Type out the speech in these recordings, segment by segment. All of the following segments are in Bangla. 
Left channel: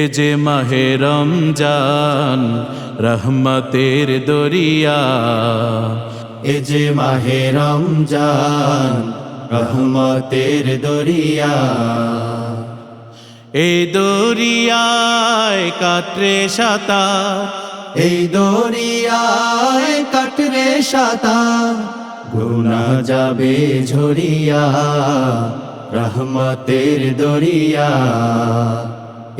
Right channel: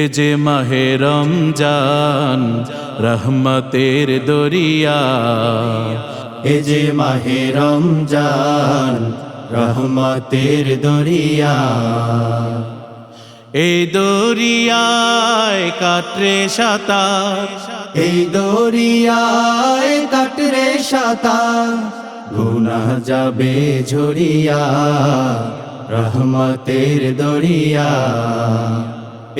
এ যে মাহে রমজান রহমতের দরিয়া, এ যে মাহে রমজান রহমতের দরিয়া। এই দরিয়ায় কাটরে সাঁতার, এই দরিয়ায় কাটরে সাঁতার, গুনাহ যাবে ঝরিয়া রহমতের দরিয়া।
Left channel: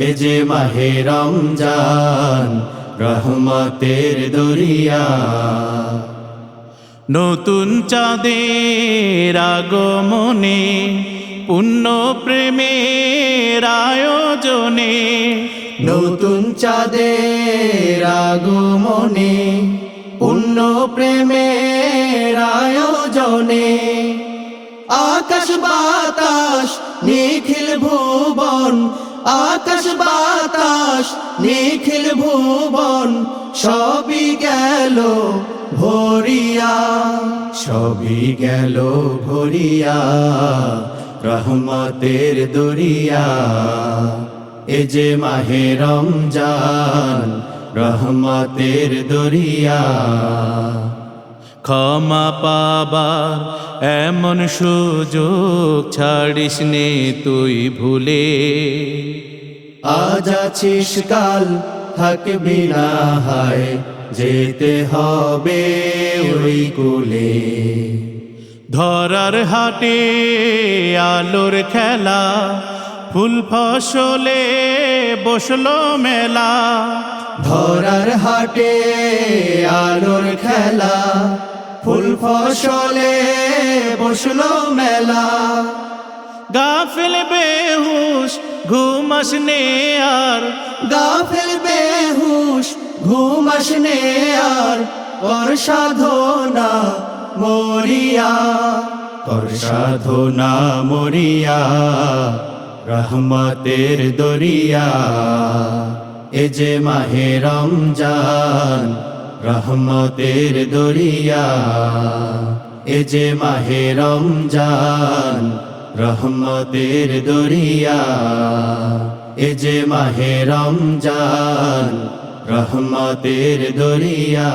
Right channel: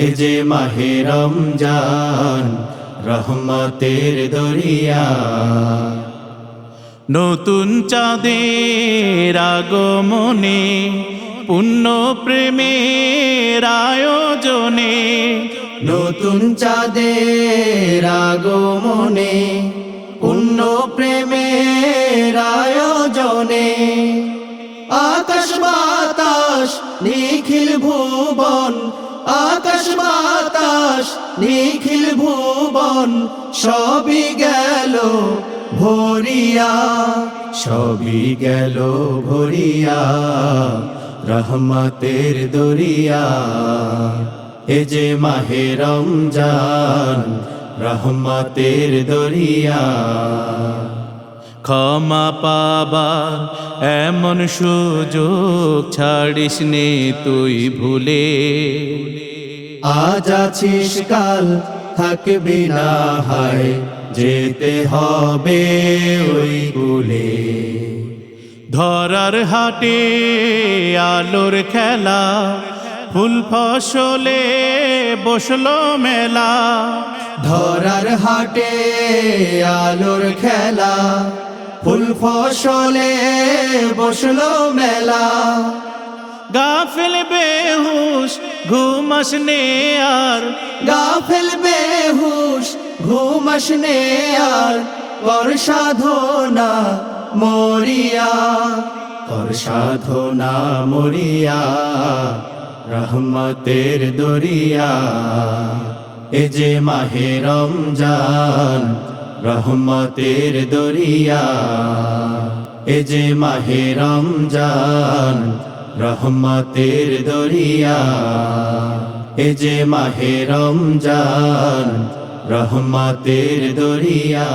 এ যে মাহে রমজান রহমতের দরিয়া। নতুন চাঁদের আগমনে পুণ্য প্রেমের আয়োজনে, নতুন চাঁদের আগমনে পুণ্য প্রেমের আয়োজনে, আকাশ বাতাস নিখিল ভুবন, আকাশ বাতাস নিখিল ভুবন, সবই গেল ভরিয়া, সবই গেল ভরিয়া রহমতের দরিয়া। এ যে মাহে রমজান রহমতের দরিয়া। ক্ষমা পাবার এমন সুযোগ ছাড়িস নে তুই ভুলে, আজ আছিস কাল থাকবি না, হায় যেতে হবে ওই কুলে। ধরার হাটে আলোর খেলা, ফুল ফসলে বসলো মেলা। ধরার হাটে আলোর খেলা, ফুল ফসলে বসলো মেলা। গাফিল বেহুশ ঘুমাস নে আর, গাফিল বেহুশ ঘুমাস নে আর, কর সাধনা মরিয়া, কর সাধনা মরিয়া রহমতের দরিয়া। এ যে মাহে রমজান রহমতের দরিয়া। এ যে মাহে রমজান রহমতের দরিয়া। এ যে মাহে রমজান রহমতের দরিয়া।